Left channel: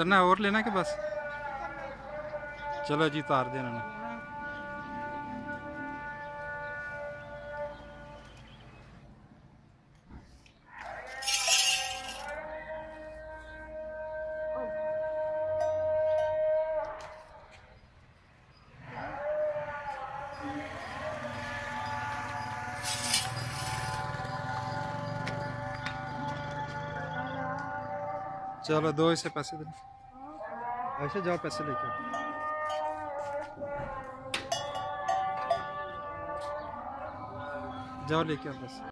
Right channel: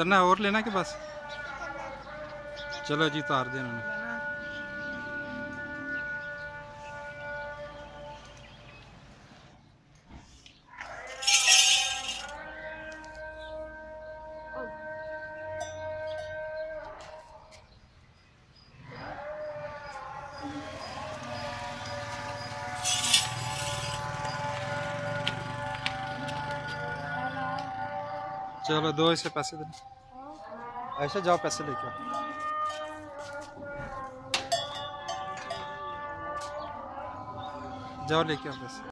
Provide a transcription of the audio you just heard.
उतरना है और लेना के बस? चलो जी उतार दे इन्होंने। चलो दो इसे पैसे दे। ऐसे जाओ पैसे लेके आओ। जाओ लेके आओ पैसे।